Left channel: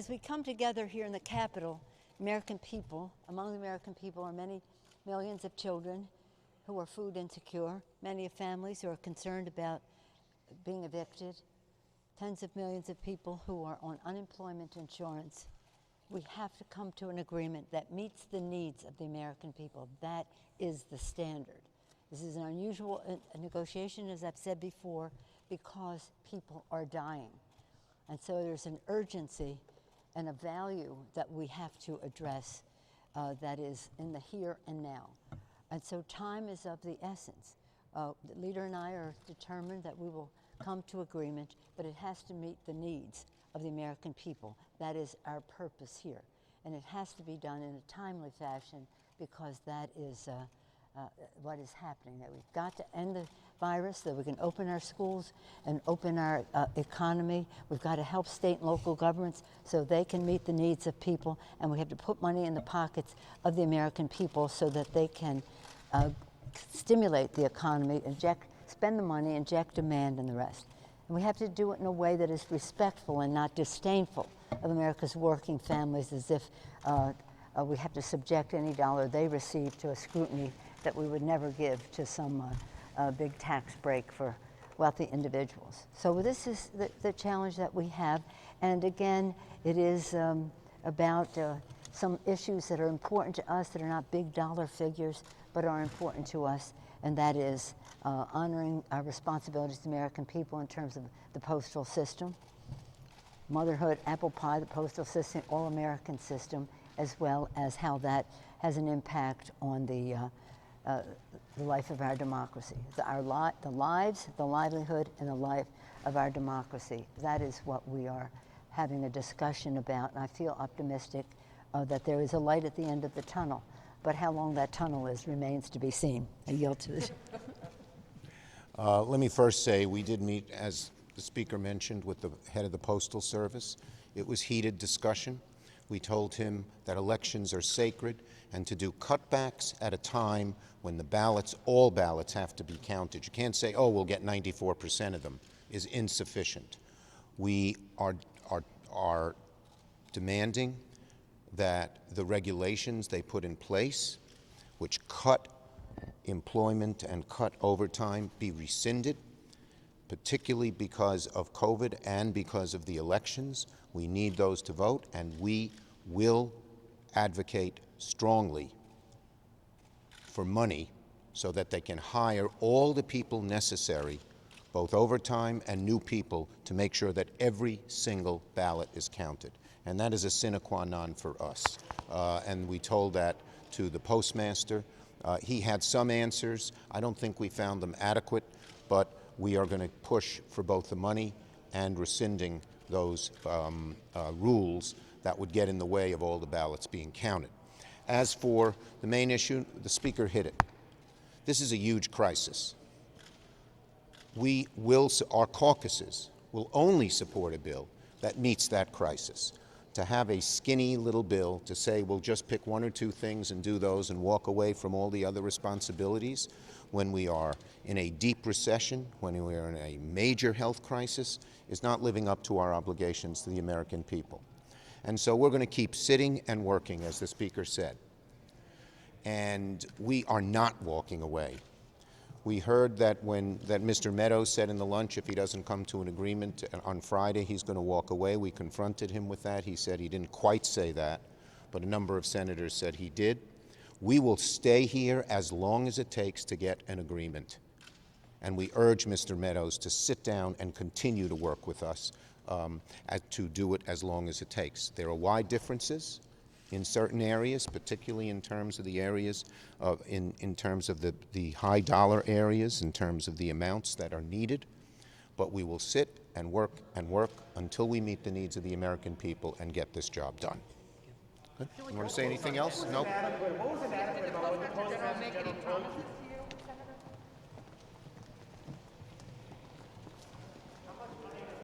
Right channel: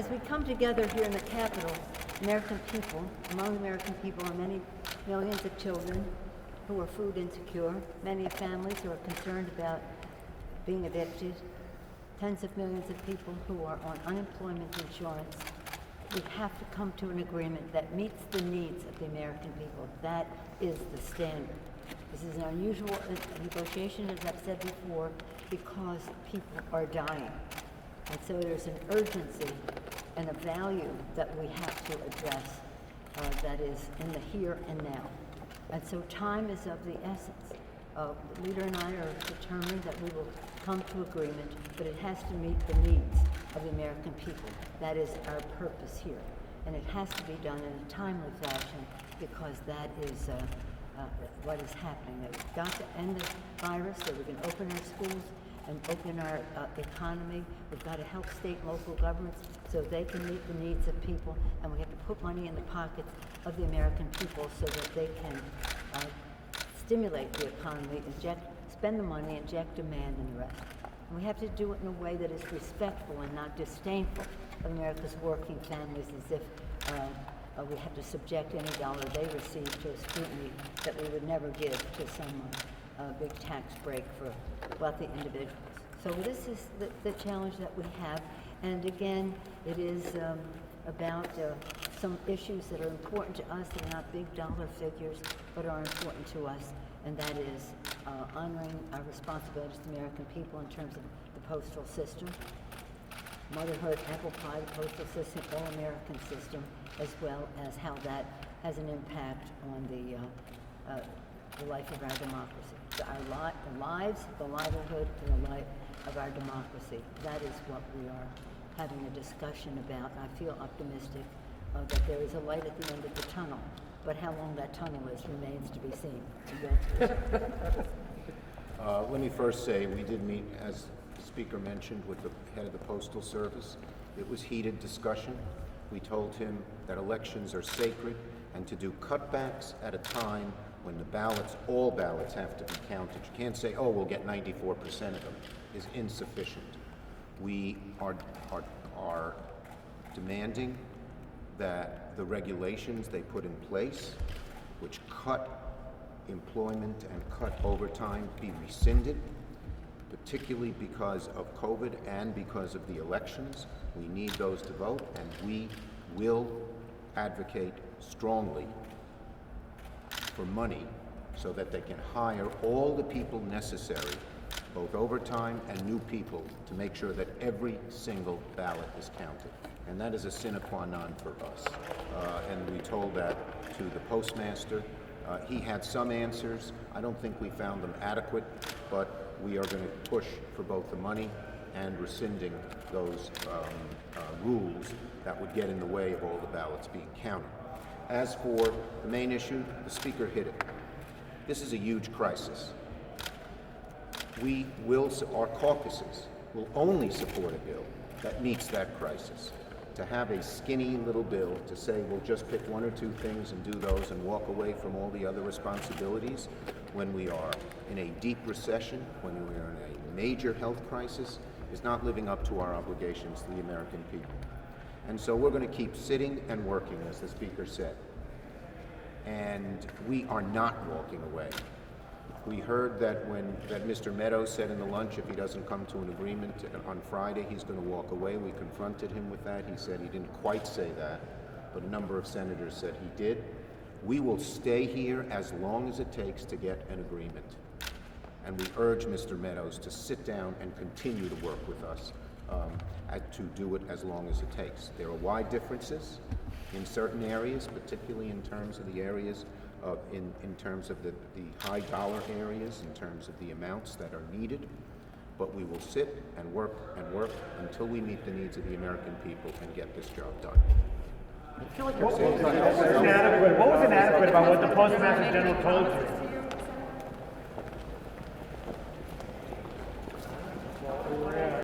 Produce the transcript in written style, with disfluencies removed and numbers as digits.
As we come together here in the Capitol, American people, among American people are many millions of children who are food insecure, many families who are concerned about being evicted, tens of millions of people who are on unemployment insurance. We have to come to an agreement that meets the needs of the American people. That is the standard. This is an unusual negotiation, as I've said before, because people are dying. And so there's an urgency and a value that we have to address that is in the here and now. And so time is of the essence. The leader and I are determined that we will come to agreement, but it has to meet the needs of the American people. That is our purpose here. And it has to be done in a timely fashion because that is what is happening. That we've got to end the virus, that we can open our schools and open our economy. We've got to help state and local governments so they can meet the needs of people, and we have to put money in the pockets of the American people so that they can stimulate the economy, spend the money, inject demand, and the rest. And we have to do it in a way that is respectful and not disdainful of America's working families, as if we have to subject any dollar they receive to a scrutiny that we would never give to some big tax break for wealthy individuals. So this is the challenge that we have. And again, it is about some issues that are important to us that are not big dollar figures, but are important to us. And that is honoring our responsibilities to the American people in terms of the postal system, motherhood, apple pie, the postal system, all-American system, as well as how that has an impact on the life of our democracy. So the lives, the livelihood, and the life of our democracy. That is what we are having a discussion about, and I feel optimistic that there is a light at the end of the tunnel. But how long that tunnel is remains to be seen. I yield to this. Let me first say we did meet, as the speaker mentioned, with the head of the Postal Service. It was heated discussion. We told him that elections are sacred and to do cutbacks at a time when the ballots, all ballots, have to be counted. You can't say, oh, we'll get 94% of them, is insufficient. We are demanding that the regulations they put in place, which cut employment and cut overtime, be rescinded, particularly because of COVID and because of the elections. We need those to vote, and we will advocate strongly for money so that they can hire all the people necessary, both overtime and new people, to make sure that every single ballot is counted. And that is a sine qua non for us. And we told that to the postmaster. He had some answers. I don't think we found them adequate, but we are going to push for both the money and rescinding those rules that would get in the way of all the ballots being counted. As for the main issue, the speaker hit it. This is a huge crisis. Our caucuses will only support a bill that meets that crisis. To have a skinny little bill to say we'll just pick one or two things and do those and walk away from all the other responsibilities when we are in a deep recession, when we are in a major health crisis, is not living up to our obligations to the American people. And so we're going to keep sitting and working, as the speaker said. And we are not walking away. We heard that that Mr. Meadows said in the lunch if he doesn't come to an agreement on Friday, he's going to walk away. We confronted him with that. He said he didn't quite say that, but a number of senators said he did. We will stay here as long as it takes to get an agreement. And we urge Mr. Meadows to sit down and continue to work with us to do it as long as it takes. There are wide differences in certain areas, particularly in terms of the areas in terms of the high dollar areas, in terms of the amounts that are needed. But we will sit and work until we meet the needs of the American people and get this job done. What was inadequate about what the Postmaster General told you?